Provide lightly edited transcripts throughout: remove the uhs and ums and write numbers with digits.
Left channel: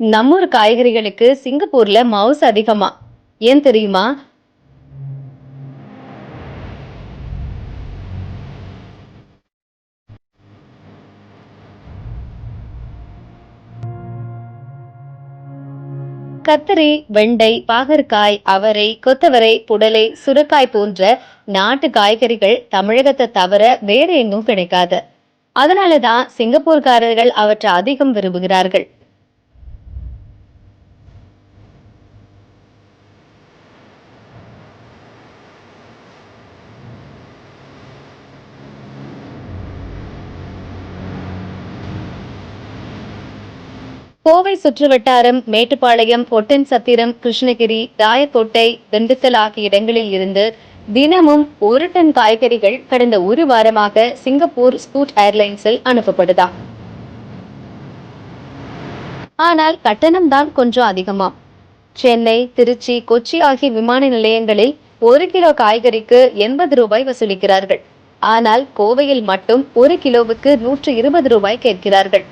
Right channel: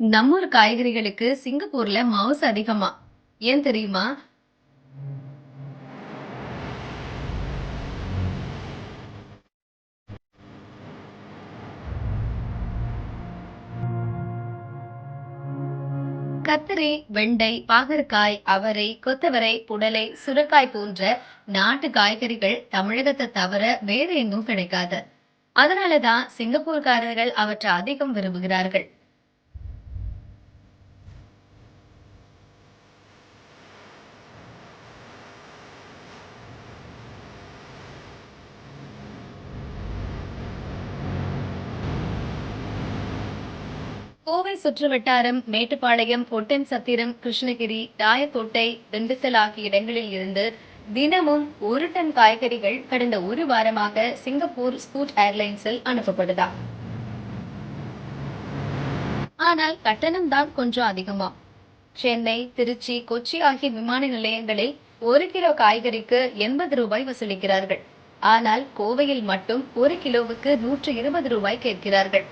நம்மூர் காய்கறிகளுக்கு சிங்கப்பூர்ல மவுஸ் அதிகமா? ஏன் தெரியுமா? கத்தரி, வெண்டை, பாகற்காய், அவரை, கொத்தவரை, புடலை, சுரைக்காய் போன்ற நாட்டு காய்கறிகள் தமிழகத்தை தவிர வேற எங்கும் கிடைக்காது. அதனாலதான் சிங்கப்பூர்காரர்கள் அவற்றை அதிகம் விரும்புகிறார்கள். கோவை சுற்றுவட்டாரம், மேட்டுப்பாளையம், ஒட்டன்சத்திரம், கிருஷ்ணகிரி, ராயக்கோட்டை, திண்டுக்கல் ஆகிய இடங்களில் இருந்து தினமும் 1 டன் காய்கறிகள் கடந்த 1 வாரமாக சிங்கப்பூர் ஸ்கூட் ஏர்லைன்ஸில் அனுப்பப்படுதா. ஆனால் கட்டணம் தான் கொஞ்சம் அதிகமாம். சென்னை, திருச்சி, கொச்சி ஆகிய விமான நிலையங்களில் 1 கிலோ காய்கறிக்கு 80 ரூபாய் வசூலிக்கிறார்கள். ஆனால் கோவையில் மட்டும் 1 கிலோவுக்கு 120 ரூபாய் கேட்கிறார்கள்.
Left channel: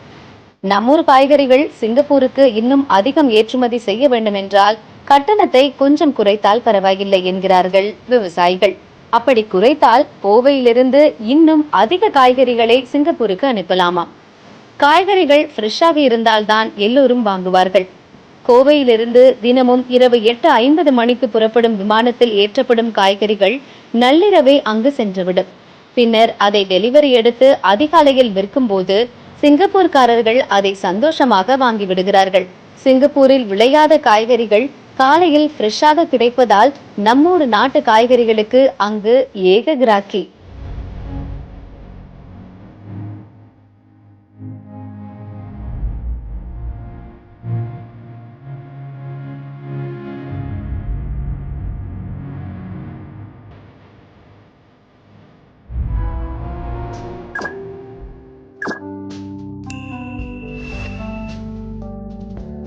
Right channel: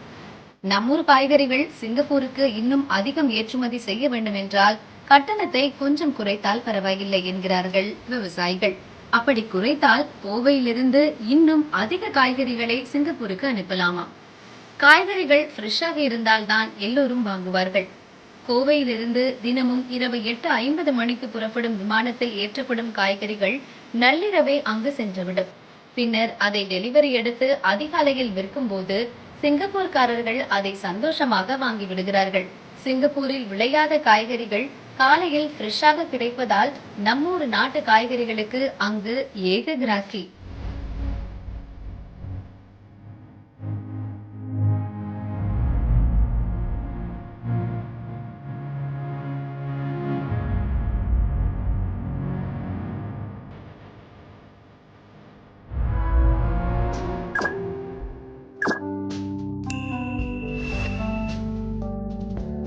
நம்மூர் காய்கறிகள் சிங்கப்பூருக்கு இன்னும் அதிகம் ஏற்றுமதி செய்ய வேண்டும் என்றால் கட்டணத்தை கொஞ்சம் குறைத்தால் பரவாயில்லை என்கிறார்கள் விவசாயிகள். அப்படி குறைத்தால் கோவையிலிருந்து இன்னும் அதிக காய்கறிகளை சிங்கப்பூருக்கு அனுப்பலாமா. காய்கறிகள் ஃப்ரெஷ்ஷாக இருந்தால்தான் எல்லோரும் வாங்குவார்கள். கோவையிலிருந்து தினமும் இரவு 8:50 மணிக்கு புறப்படும் விமானத்தில் ஏற்றப்படும் காய்கறிகள் நள்ளிரவே அங்கு சென்றுவிடும். பின்னர் அதை டெலிவரி எடுத்து அதிகாலையில் விற்கும் போது சிங்கப்பூர்காரர்கள் அதை சந்தோஷமாக வாங்கி விடுகிறார்கள். சிங்கப்பூரில் விளையாத காய்கறிகள் காலையில் ஃப்ரெஷ்ஷாக கிடைப்பதால் நம்மூர் நாட்டு காய்கறிகளுக்கு அங்கு ஏக கிராக்கி.